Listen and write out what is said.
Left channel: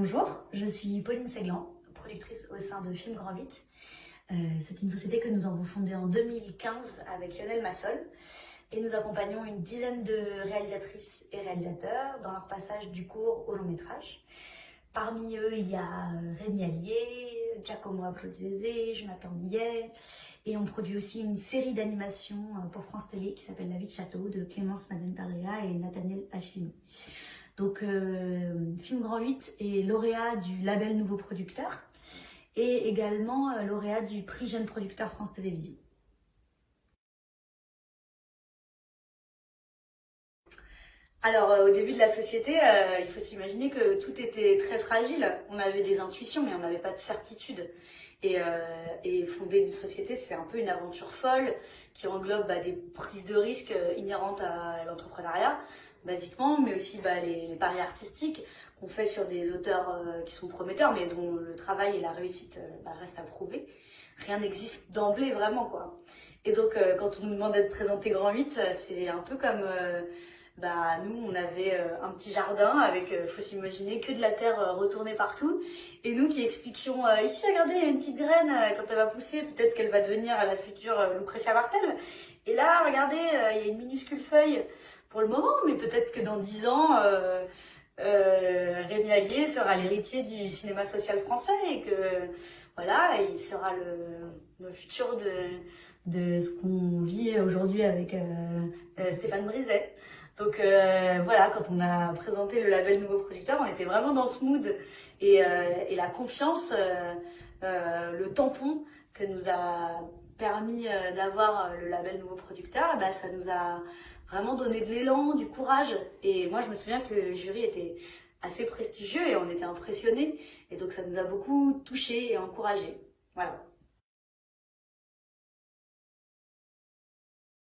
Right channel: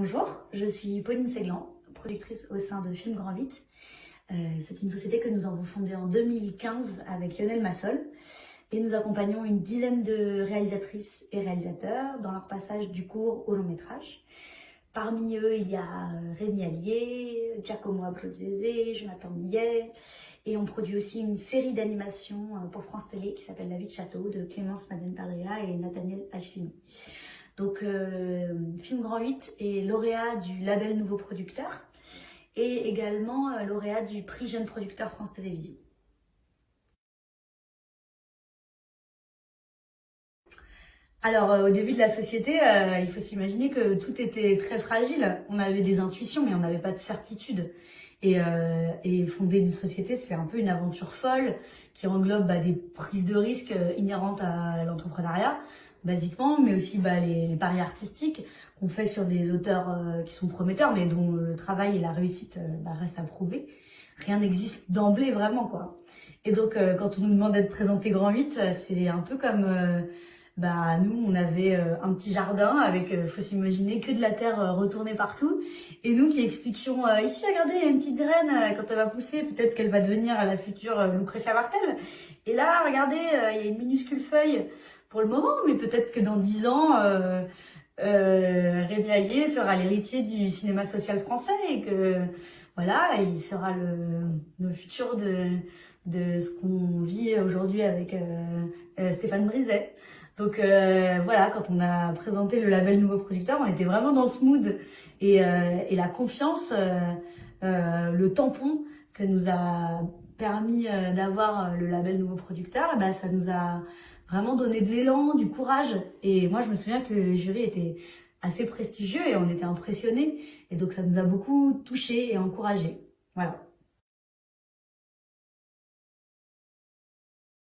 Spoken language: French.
Bonjour, je suis Pauline Séglan, productrice au sein de Film Grand 8. C'est une société que nous avons fondée en 2015 avec Lionel Massol et nous accompagnons une dizaine de réalisatrices et réalisateurs dans leur passage du court au long métrage. Parmi eux, il y a Rémi Allier, Giacomo Abruzzese, Jonathan Millet, et on produit aussi une série d'animations pour France Télé qui s'appelle La vie de château de Clémence Madden-Padria et Nathaniel Alchimi. Donc, Film Grand 8 est lauréat du label Nouveau Producteur et également lauréat du prix Jeune Producteur France Télévisions. Alors, au début de la société, il faut s'imaginer que tout était très fragile. On avait des intuitions, mais on n'avait pas de certitude. Et fonder une société, c'est un peu une aventure folle qui englobe des prises de risques inhérentes à l'entrepreneuriat, basiquement, mais aussi les paris artistiques qu'on fait sur des auteurs qui sont prometteurs, mais dont le travail et la réussite restent à prouver. Rien n'existe d'emblée, vraiment, quoi. Et donc, quand on nous demande d'être présenté Grand 8, c'est un peu comme... nous, on avait un petit jardin avec, faut s'imaginer, que de la terre retournée partout. Et nous qui expliquions, ici, regardez, il y a une petite graine, quand elle va pousser, peut-être qu'elle va devenir la future Lucretia Martel. Et là, regardez, il y a une minuscule feuille pour le moment, mais peut-être que dans 10 ans, Rémi Allier sera l'héritier du cinéma social français et que, voilà, il sera le futur de ce qu'on vit aujourd'hui avec Stéphane Brisset. Donc voilà, quand on a présenté le label Nouveau Producteur, on était vraiment dans ce mood et la confiance, le tampon que nous a permis d'avoir le label Nouveau Producteur, ça nous a vraiment donné de l'élan, du courage. Et moi, je me souviens que le jury était assez prestigieux et on était impressionnés. Et donc, ça nous a beaucoup touchés et encouragés. Voilà.